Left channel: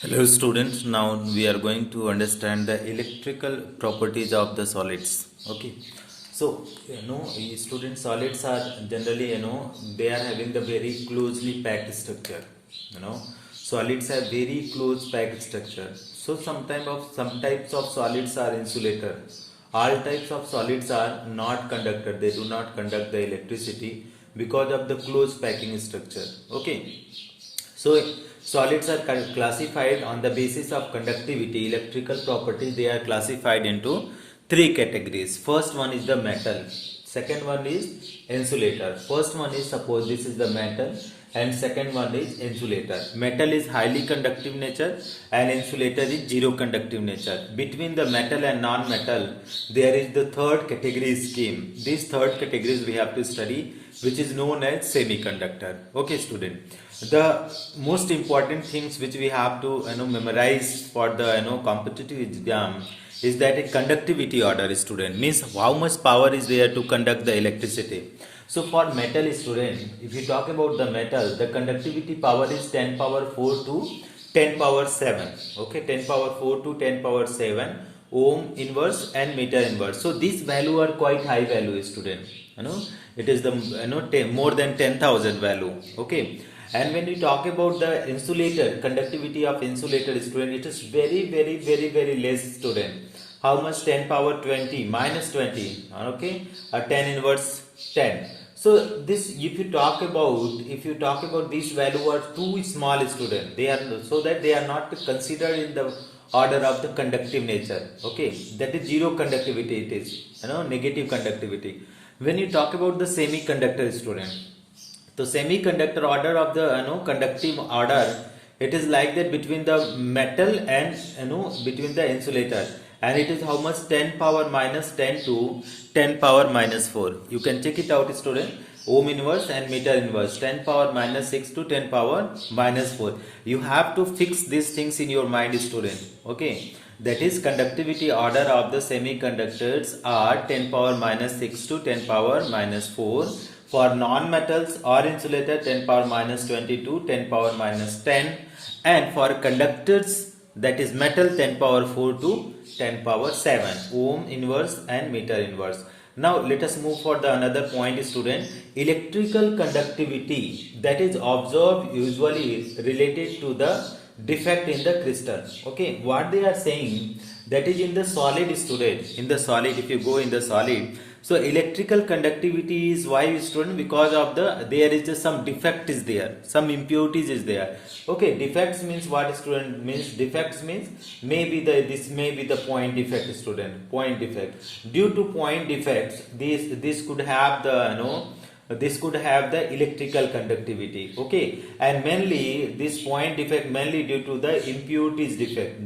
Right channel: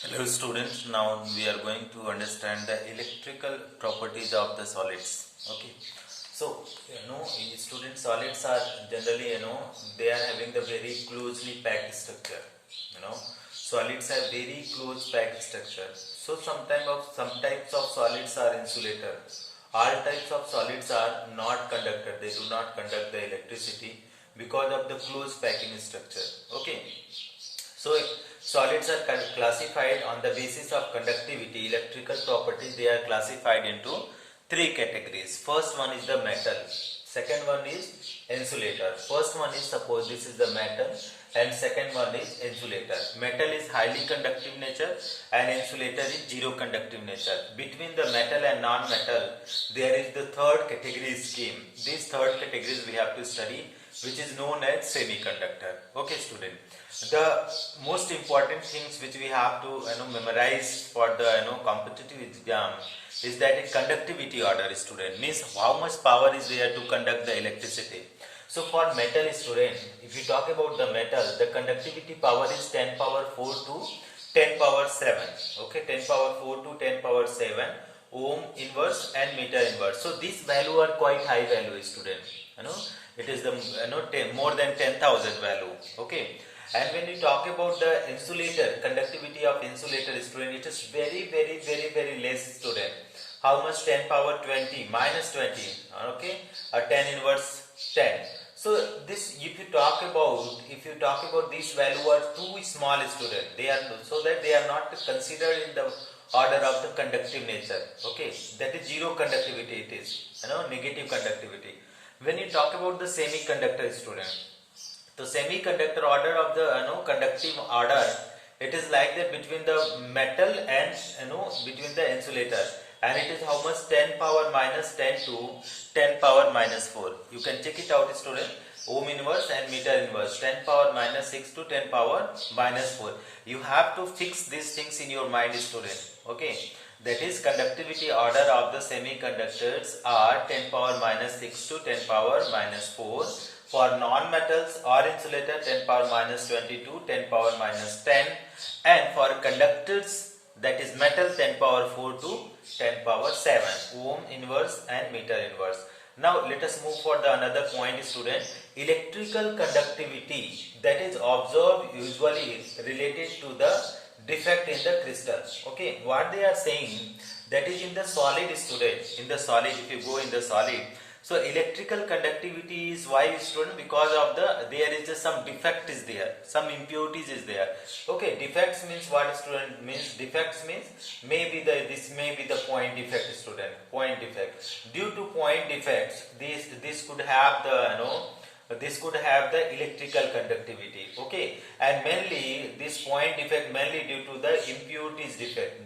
Hello students, now we are going to understand the electrical properties of the solids. Okay, so student solids are generally they are having the very closely packed structure. Solids have very close packed structure. So some types of solids are insulator. All types of solids are not conductor. They do not conduct the electricity because of the close packing structure. Okay. So solids are classified on the basis of conductivity, electrical properties. They are classified into three categories. First one is the metal. Second one is insulator. First one is, suppose this is the metal, and second one is insulator. Metal is highly conductive nature and insulator is zero conductive nature. Between the metal and non-metal, there is the third category scheme. This third categories we have to study, which is known as semiconductor. Okay, student. The most important things which we have to memorize for the competitive exam is that a conductivity order, student, means how much power is there to conduct the electricity. So for metal, student, if you talk about the metal, the conductivity power is 10 power 4 to 10 power 7. Okay, 10 power 4 to 10 power 7 ohm inverse and meter inverse. So these value are quite high value, student. It is the more than 10,000 value. Okay. And when we talk about the insulator, conductivity of insulator, student, it is very less, student. How much? 10 power 20 minus 20. Okay, 10 inverse 10. So this, if you talk about this value are too small, student. They are, so that they are not considered in the order of the conductive nature. Okay, that is zero conductivity. It is negative conductivity. When you talk about the semiconductor, student, so semiconductor order of the conductive order, it is like that between the metal and between the insulator, and it is how much? 10 power minus 10 to 10 power minus 4. You can check it out, student. Ohm inverse and meter inverse, 10 power minus 6 to 10 power minus 4. You have to fix these things in your mind, student. Okay, that is conductivity order of the semiconductors are 10 power minus 6 to 10 power minus 4. For non-metals or insulator, 10 power minus 22, 10 power minus 10. And for conductors, that is metal, 10 power 4 to 10 power 7. Ohm inverse and meter inverse. Now let us move for the another point, student. Electrical conductivity that is observed usually is related to the defect in the crystal. Okay, what they are saying, that is in the solid, student. In the solid, if you go in the solid, so electrical conductivity is why, student? Because of there is just some defect is there, some impurities is there. Okay, defects means what, student? Means defects means maybe this may be the point defect, student. Point defect. Due to point defects, this could have the electrical conductivity. Okay, and mainly this point defect mainly due to the impurities defect,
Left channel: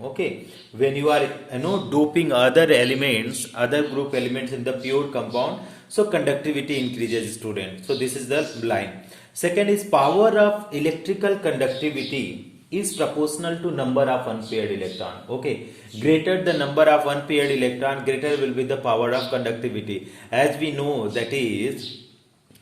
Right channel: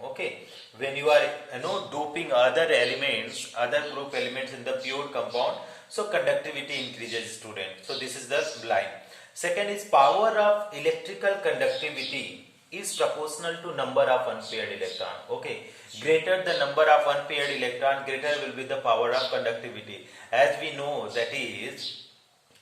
Okay, when you are doping other elements, other group elements in the pure compound, so conductivity increases, student. So this is the line. Second is power of electrical conductivity is proportional to number of unpaired electron. Okay, greater the number of unpaired electron, greater will be the power of conductivity. As we know, that is,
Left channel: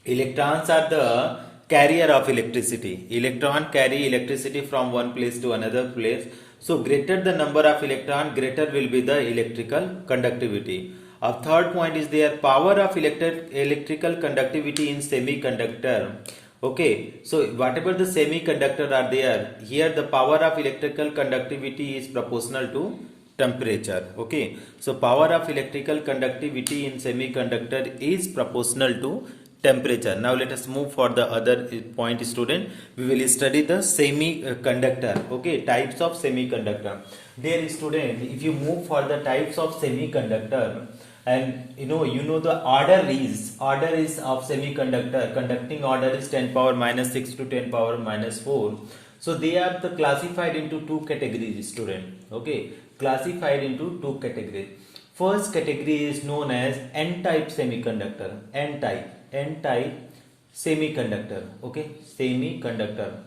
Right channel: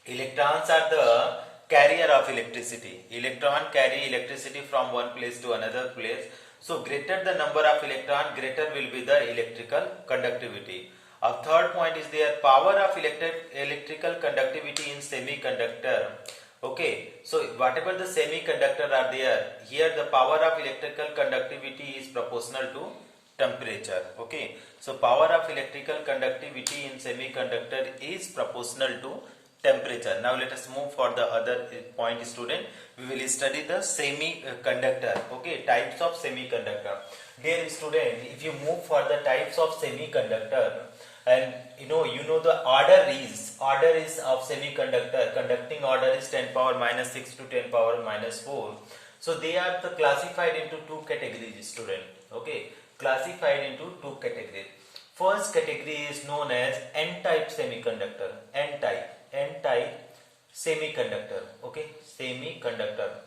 electrons are the carrier of electricity. Electron carry electricity from one place to another place. So greater the number of electron, greater will be the electrical conductivity. A third point is their power of electrical conductivity in semiconductor. Okay, so whatever the semiconductor are there, here the power of electrical conductivity is proportional to temperature. Okay, so power of electrical conductivity in semiconductor is proportional to temperature. Now let us move for the other point, student. We will study the semiconductor. Okay, types of semiconductor. Dear student, if you move for the types of semiconductor, and you know the order is of semiconductor, conducting order is 10 power minus 6 to 10 power minus 4. So they are classified into two categories, student. Okay, classified into two categories. First category is known as N-type semiconductor. N-type semiconductor. Okay, semiconductor.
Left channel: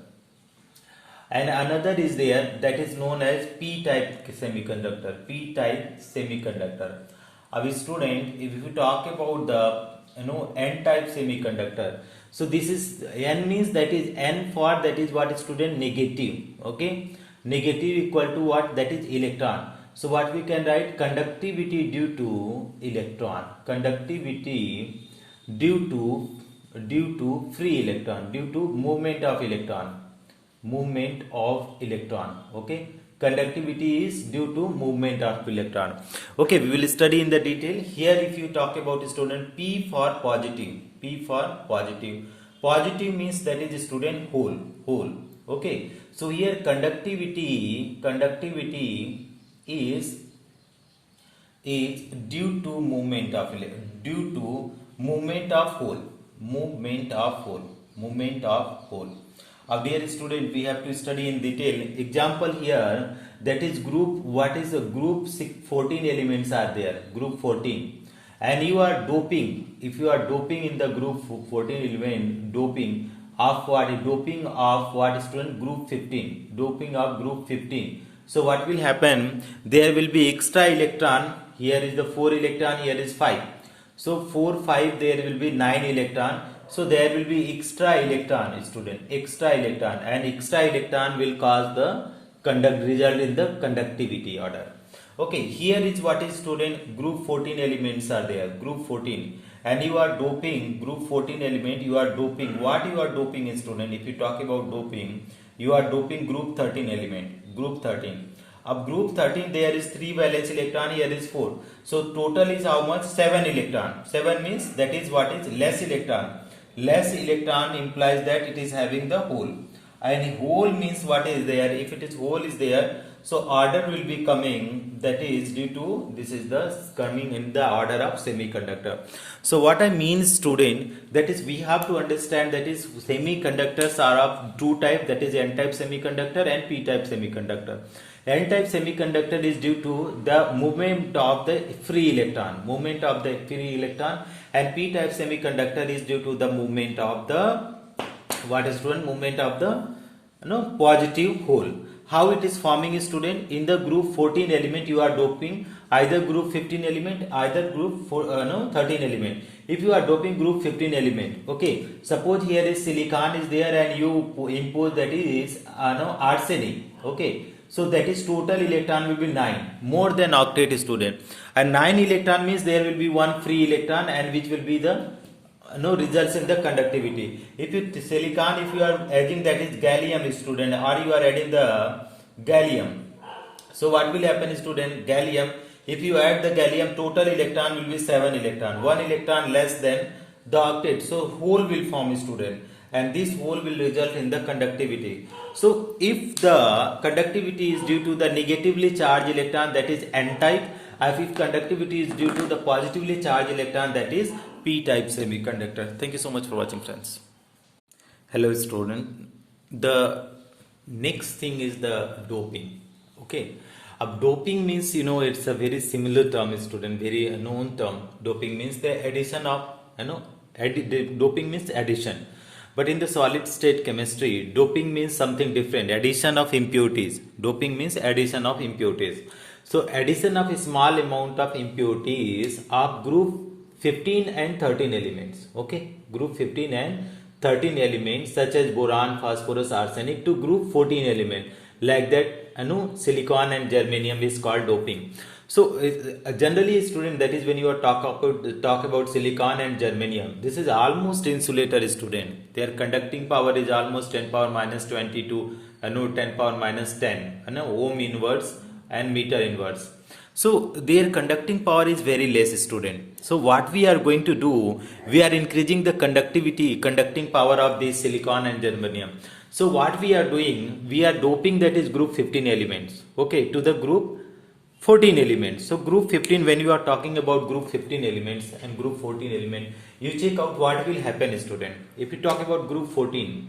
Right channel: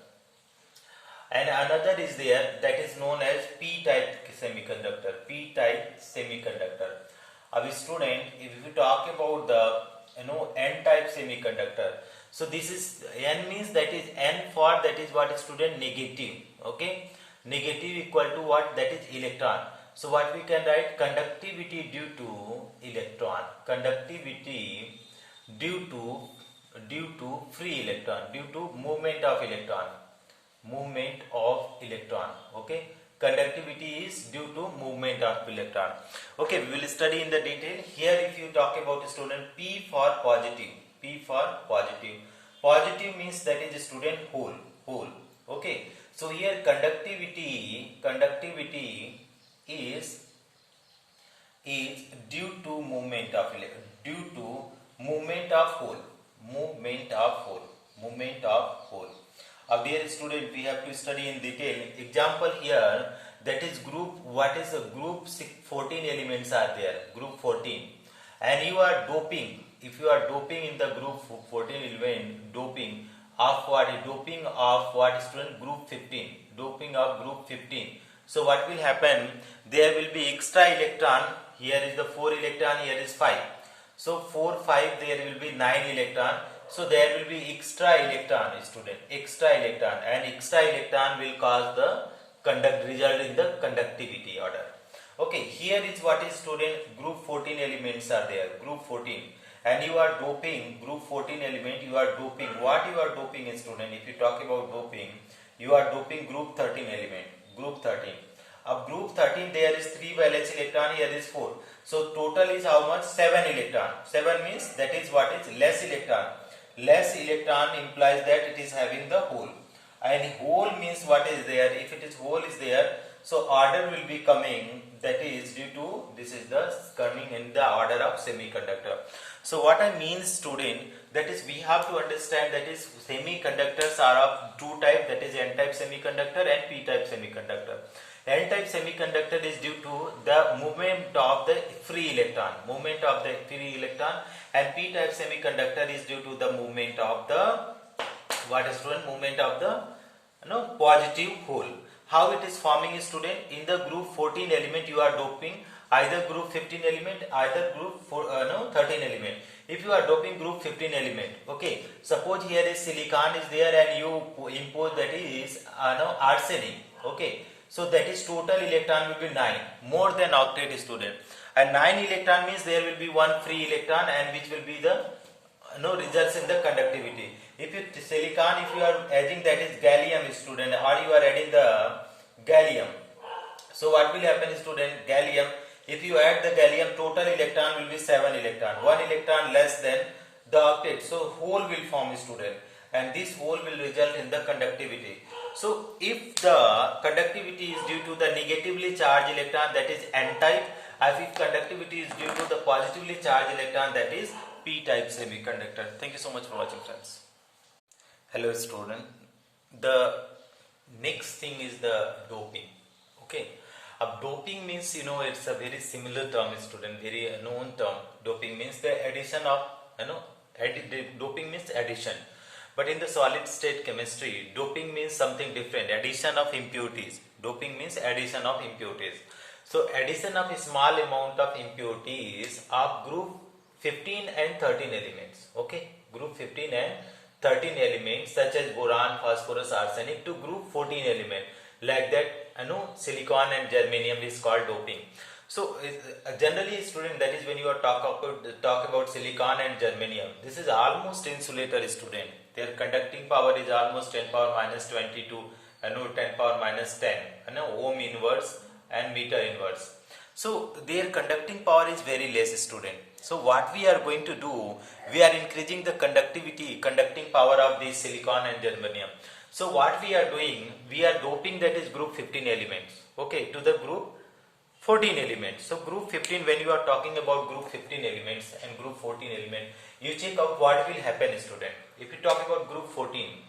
And another is there, that is known as P-type semiconductor. P-type semiconductor. Our student, if you talk about the N-type semiconductor, So this is n means that is n for that is what student negative. Okay, negative equal to what, that is electron. So what we can write, conductivity due to electron, conductivity due to free electron, due to movement of electron, movement of electron. Okay, conductivity is due to movement of electron. Okay, we will study in the detail. Here if you talk about student, P for positive, P for positive. Positive means that is student whole. Okay, so here conductivity is due to movement of movement of whole. Dear student, we have to study in detail. Example here, that is group, what is the group 14 elements are there, group 14, and you are doping. If you are doping in the group 14 element, doping of what student, group 15, doping of group 15. So what will happen, there will be extra electron. Here is the 4 electron, here is 5. So 4, 5, there will be 9 electron. So there will be extra electron, student, extra electron, and extra electron will cause the result in the conductivity order. Okay, here is what is student, group 14 elements are there, group 14, and you are doping group 14 element, you are doping, what you are doping is student, if you talk about doping, you are doping group 13 element, group 13. Of group 13 there is 3 valence electron, here is 4. So total is how much? 7 electron. 7 means that is what is less electron. Less electron implies that it is having the hole. And hole means what is there? If it is hole is there, so order will be coming, that is due to, this is the coming in the order of semiconductor. So what I mean student, that is we have to understand that is semiconductors are of two types, that is n-type semiconductor and p-type semiconductor. N-type semiconductor is due to the movement of the free electron, and p-type semiconductor is due to the movement of the movement of the positive hole. How it is forming is student, in the group 14 element you are doping either group 15 element, either group 13 element. If you are doping group 15 element, okay, suppose here is silicon is there and you impose that is arsenic, okay. So that is total electron will be 9, more than octet student, and 9 electron means there will be one free electron, and which will be the results in the conductivity. If you silicon, if you are adding that is gallium student, or you are adding the gallium, so what will happen student, gallium, if you add the gallium, total electron will be 7 electron, 1 electron less than the octet, so hole will form student, and this hole will result in the conductivity. So if the conductivity is due to the negatively charged electron, that is n-type, and if conductivity is due to the positively charged electron, that is p-type semiconductor. Thank you so much for watching, friends. Hello student. The next thing is the doping. Okay, doping means it's a very similar term student, very known term. Doping means the addition of doping means addition. But in the solid state chemistry, doping means something different, addition of impurities. Doping means addition of impurities. So addition of a small amount of impurities of group 15 and 13 elements. Okay, group 15 and 13 elements such as boron, phosphorus, arsenic to group 14 element. Like that, silicon and germanium is called doping. So generally student, that is when you are talk about silicon and germanium, this is almost insulator student. Their conducting power is almost 10 power minus 20 to 10 power minus 10 ohm inverse and meter inverse. So their conducting power is very less student. So what we are going to do, we are increasing the conducting power of the silicon and germanium. So what we are doing, we are doping that is group 15 elements, okay, to the group 14 elements. So group 15, when you are talking about group 15 elements and group 14 element, you check out what will happen student. If you talk about group 14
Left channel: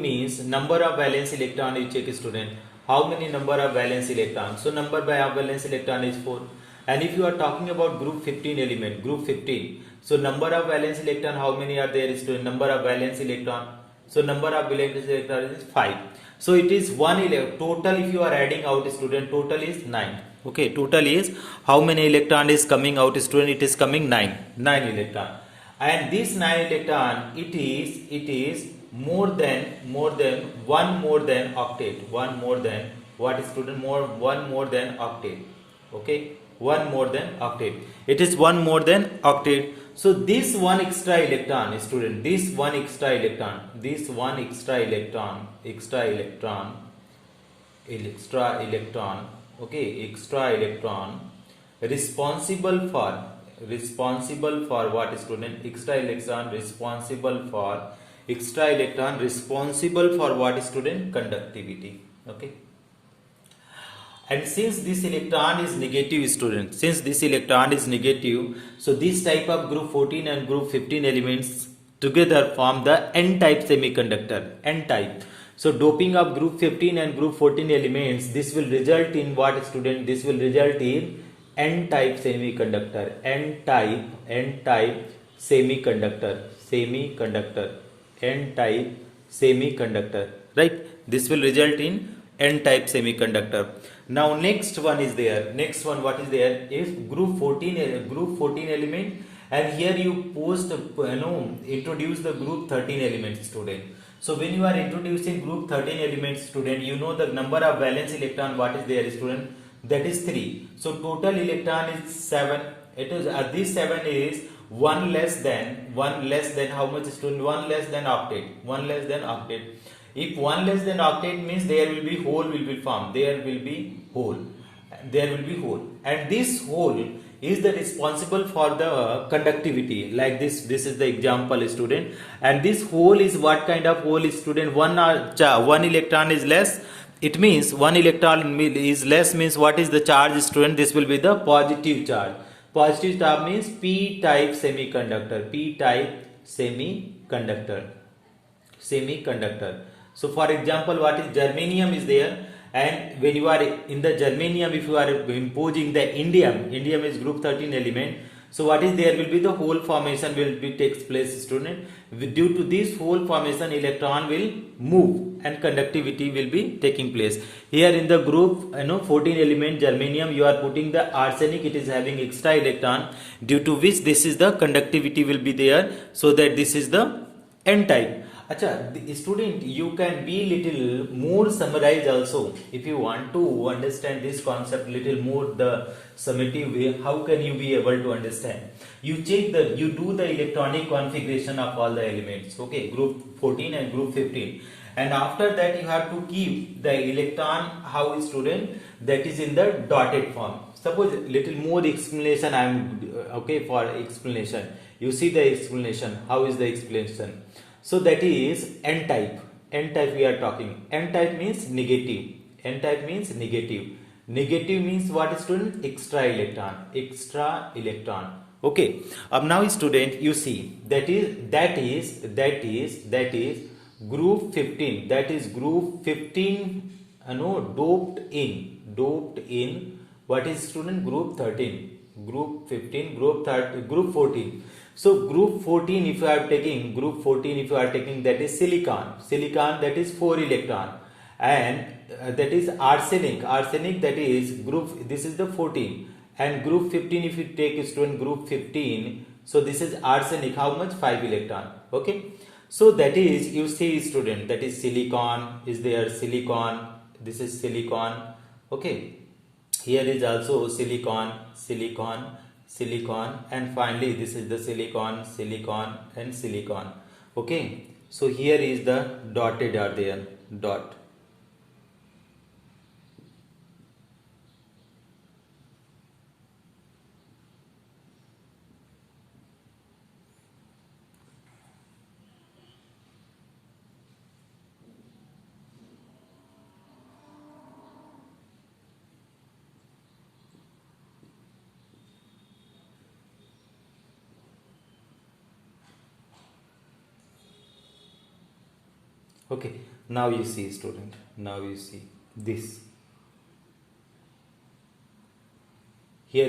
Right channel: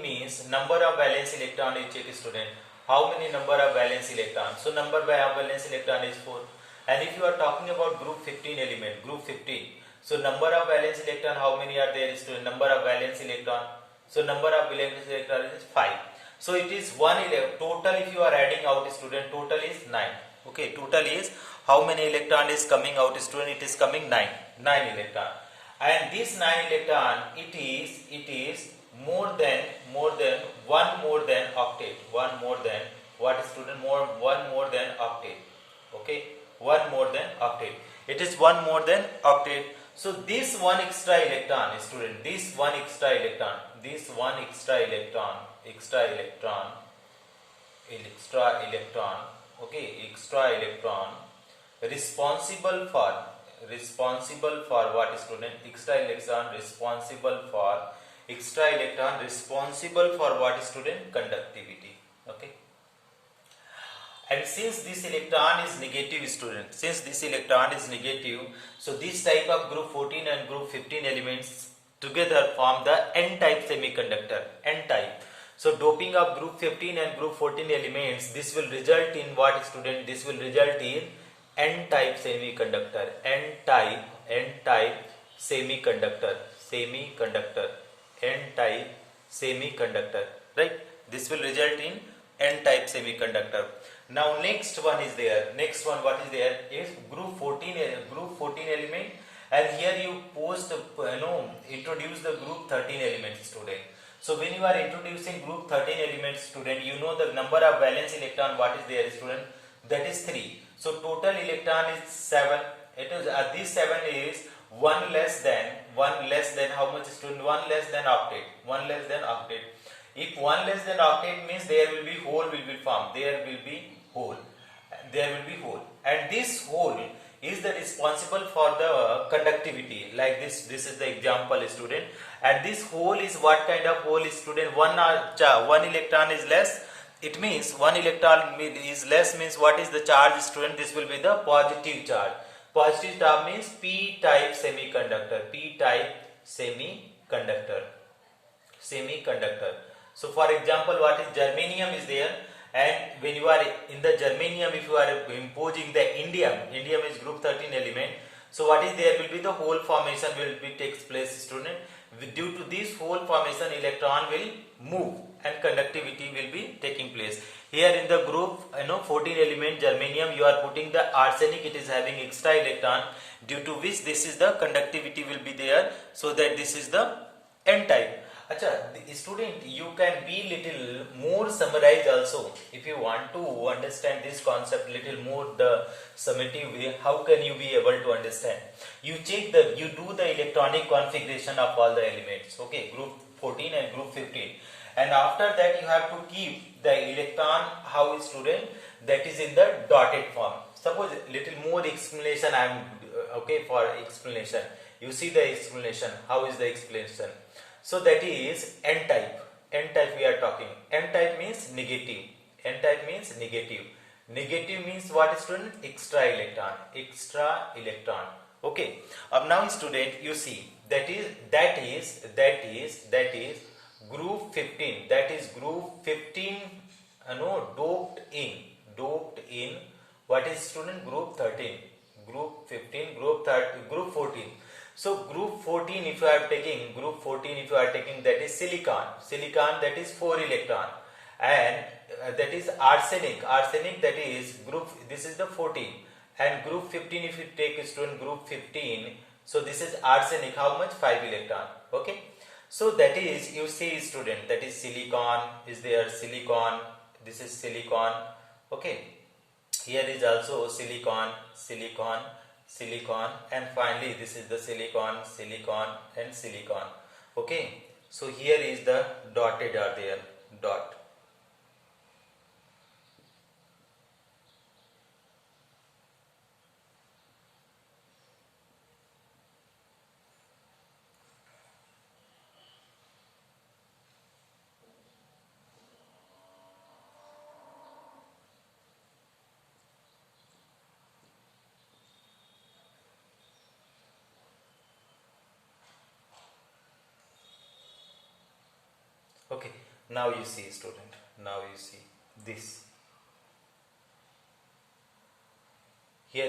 means number of valence electron, you check student, how many number of valence electrons. So number by valence electron is 4. And if you are talking about group 15 element, group 15, so number of valence electron, how many are there student, number of valence electron, so number of valence electron is 5. So it is 1 total. If you are adding out student, total is 9. Okay, total is how many electron is coming out student, it is coming 9 electron. and this 9 electron, it is more than octet, one more than what student, one more than octet. Okay, one more than octet, it is one more than octet. So this one extra electron, student, this one extra electron, okay, extra electron responsible for what, student? Extra electron responsible for what, student? Conductivity. Okay, and since this electron is negative, student, so this type of group 14 and group 15 elements together form the n-type semiconductor, n-type. So doping of group 15 and group 14 elements, this will result in what, student? This will result in n-type semiconductor, n-type semiconductor, right? This will result in n-type semiconductor. Now next one is there. Next one, what is there? Is group 14 element, and here you introduce the group 13 elements, student. So when you are introducing group 13 elements, student, you know the number of valence electron, what is there, student? That is 3. So total electron is 7. It is this 7 is one less than how much, student? One less than octet. If one less than octet means there will be hole will be formed. There will be hole, and this hole is the responsible for the conductivity. Like this. This is the example, student. And this hole is what kind of hole, student? One electron is less. It means one electron is less means what is the charge, student? This will be the positive charge. Positive charge means p-type semiconductor. So for example, what is germanium is there, and when you are in the germanium, if you are imposing the indium is group 13 element. So what is there will be the hole formation will be takes place, student. Due to this hole formation, electron will move and conductivity will be taking place. Here in the group 14 element germanium, you are putting the arsenic. It is having extra electron, due to which this is the conductivity will be there. So that this is the n-type. Acha, the student, you can be little more summarized also if you want to understand this concept little more the summative way. How can you be able to understand? You do the electronic configuration of all the elements. Okay, group 14 and group 15, and after that you have to keep the electron. How, student? That is in the dotted form. Suppose little more explanation I am okay for explanation. You see the explanation. How is the explanation? So that is n-type. N-type we are talking. N-type means negative. N-type means negative. Negative means what, student? Extra electron. Okay. Now, student, you see that is group 15. That is group 15. Doped in. What is, student? Group 13. Group 15. Group 14. So group 14, if you are taking that is silicon, that is 4 electron, and that is arsenic, that is group, this is the 14, and group 15, if you take, student, group 15, so this is arsenic, how much? 5 electron. Okay, so that is, you see, student, that is silicon is there, this is silicon. Okay, here is also silicon, and finally this is the silicon and silicon. Okay, so here is the dotted are there, dot. Okay, now you see, student, now you see this. Here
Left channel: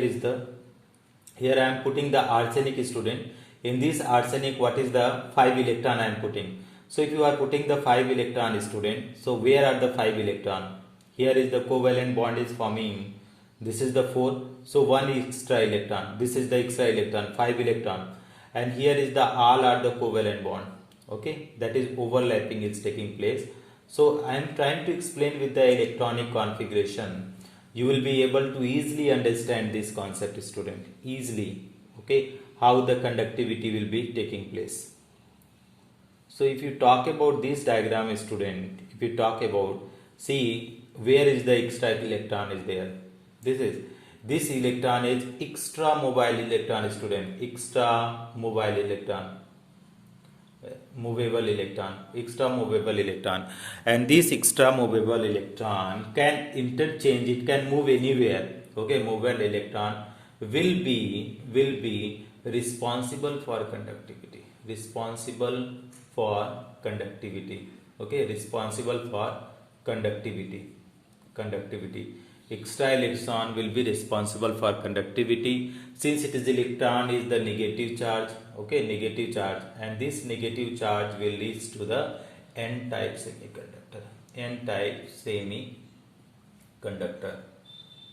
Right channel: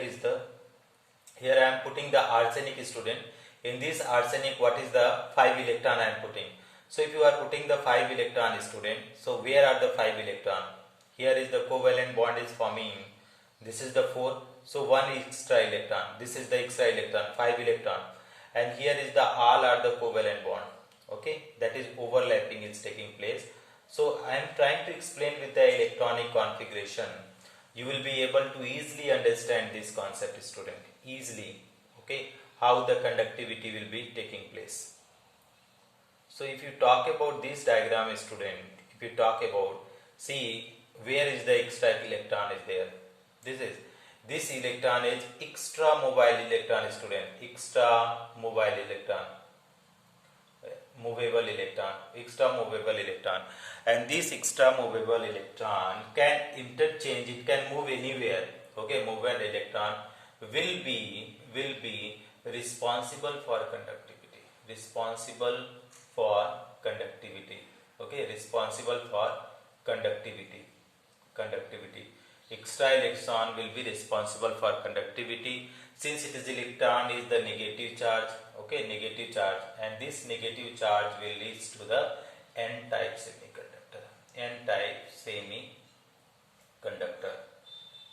I am putting the arsenic, student. In this arsenic, what is the 5 electron I am putting? So if you are putting the 5 electron, student, so where are the 5 electron? Here is the covalent bond is forming. This is the 4. So 1 extra electron. This is the extra electron, 5 electron. and here is the all are the covalent bond. Okay, that is overlapping is taking place. So I am trying to explain with the electronic configuration. You will be able to easily understand this concept, student, easily. Okay, how the conductivity will be taking place. So if you talk about this diagram, student, if you talk about, see where is the extra electron is there. This electron is extra mobile electron, student, extra mobile electron, movable electron, extra movable electron, and this extra movable electron can interchange, it can move anywhere. Okay, movable electron will be responsible for conductivity, responsible for conductivity. Okay, responsible for conductivity. Extra electron will be responsible for conductivity, since it is electron is the negative charge. Okay, negative charge, and this negative charge will lead to the n-type semiconductor. N-type semiconductor.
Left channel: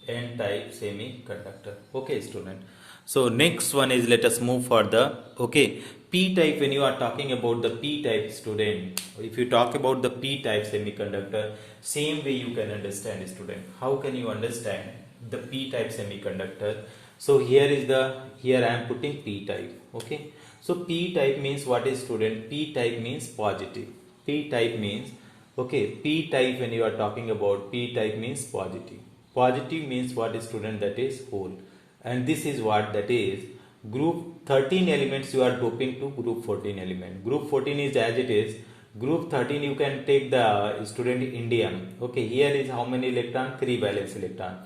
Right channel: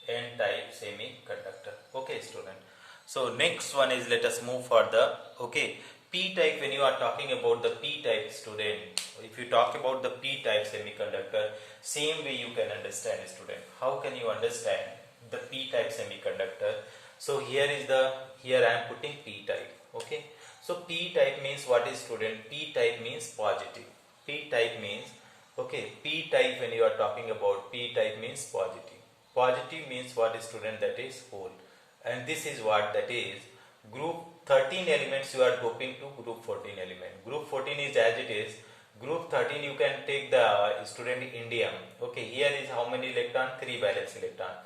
N-type semiconductor. Okay, student. So next one is, let us move further. Okay, p-type. When you are talking about the p-type, student, if you talk about the p-type semiconductor, same way you can understand, student. How can you understand the p-type semiconductor? So here I am putting p-type. Okay, so p-type means what is, student? P-type means positive. P-type means, okay, p-type, when you are talking about p-type means positive. Positive means what is, student? That is whole. And this is what, that is group 13 elements you are doping to group 14 element. Group 14 is as it is. Group 13 you can take the, student, indium. Okay, here is how many electron? 3 valence electron.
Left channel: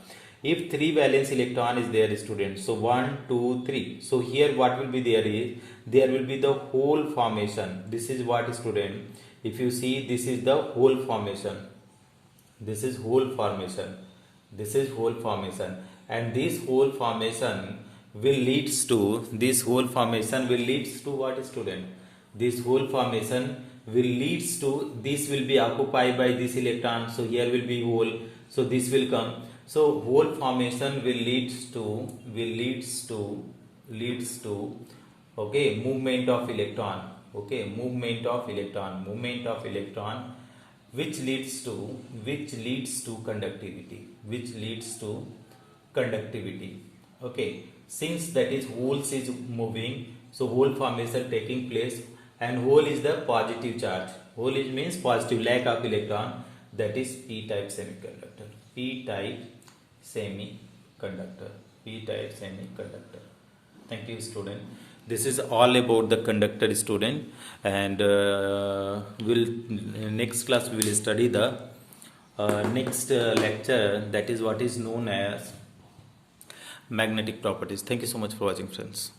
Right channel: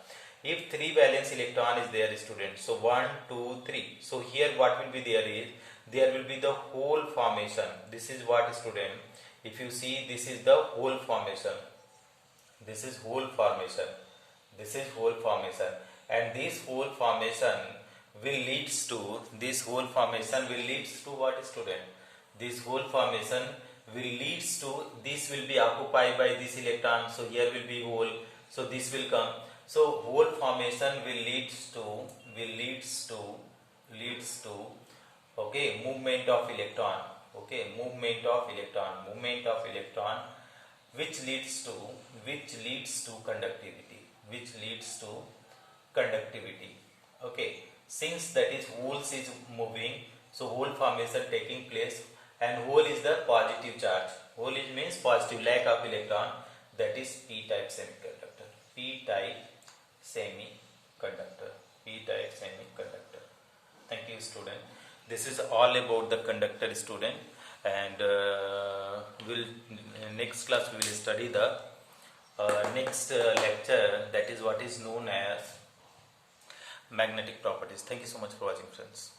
If 3 valence electron is there, student, so 1, 2, 3. So here what will be there is, there will be the whole formation. This is what, student, if you see, this is the whole formation. This is whole formation. This is whole formation. And this whole formation will leads to, this whole formation will leads to what, student? This whole formation will leads to, this will be occupied by this electron. So here will be hole. So this will come. So whole formation will leads to, okay, movement of electron. Okay, movement of electron, which leads to conductivity. Okay, since that is holes is moving, so hole formation taking place, and hole is the positive charge. Hole is means positive, lack of electron. That is p-type semiconductor. P-type semiconductor. Thank you, student. This is all about the conductor, student, and next class we will study the next lecture, that is what is known as magnetic properties. Thank you so much for watching, friends.